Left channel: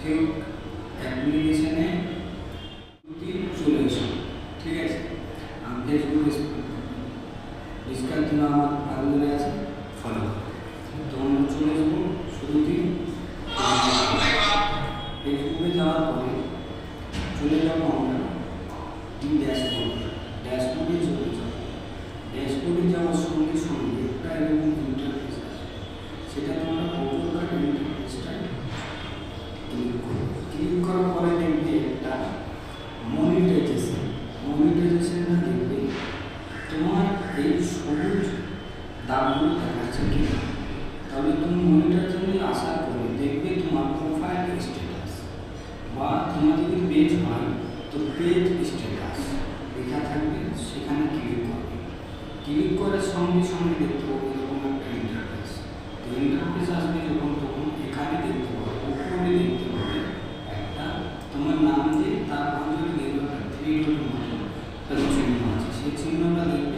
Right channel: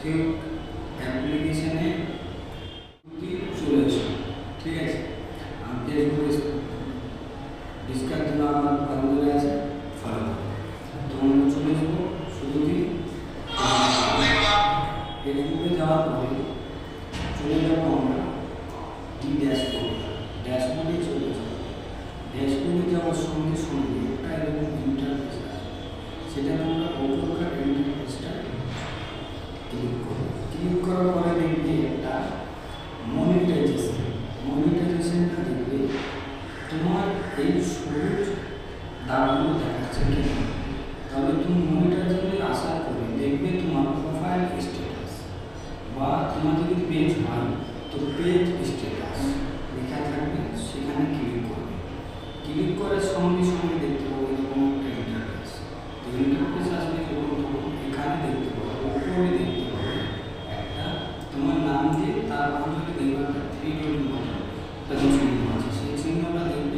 Cube অ্যাপ্লিকেশনে চলে এসো, ঠিক আছে। আর ফেসবুক ডিসকার জন্য আমার আগুনে আছে, ফলো করো। তোমরা চলে যাবো শুরুতেই ফেসবুকে যাওয়ার পরে চলে যাবো আমরা ড্যাশবোর্ডে চলে যাবো। ড্যাশবোর্ডে যাওয়ার সঙ্গে সঙ্গে একটা এরকম ইন্টারফেস আছে, সেটা তোমরা অটোকাট ইন্টারফেসটা ক্লিক করার পরে দেখবে একটা মনিটাইজেশনটা দেখবে তোমার এই সবুজ দাগগুলো দেখাচ্ছে কিনা। তাহলে তুমি মনিটাইজেশনে আসার পরে দেখবে তোমার প্রোফাইল স্ট্যাটাস বা তোমার যদি পেজ হয় তো পেজ স্ট্যাটাস লেখা থাকবে, সেখানে ক্লিক করবে। ক্লিক করার সঙ্গে সঙ্গে দেখতে পাবো এরকম একটা ইন্টারফেস। তো ইন্টারফেস আসবে যখন তখন এখানে দেখতে পাবো, উপরে দেখতে পাবে একটা তোমার নাম দিয়ে তার পাশে যদি দেখবে একটা 3 ডট মতো একটা চিহ্ন আছে, সেই চিহ্নটা দেখবে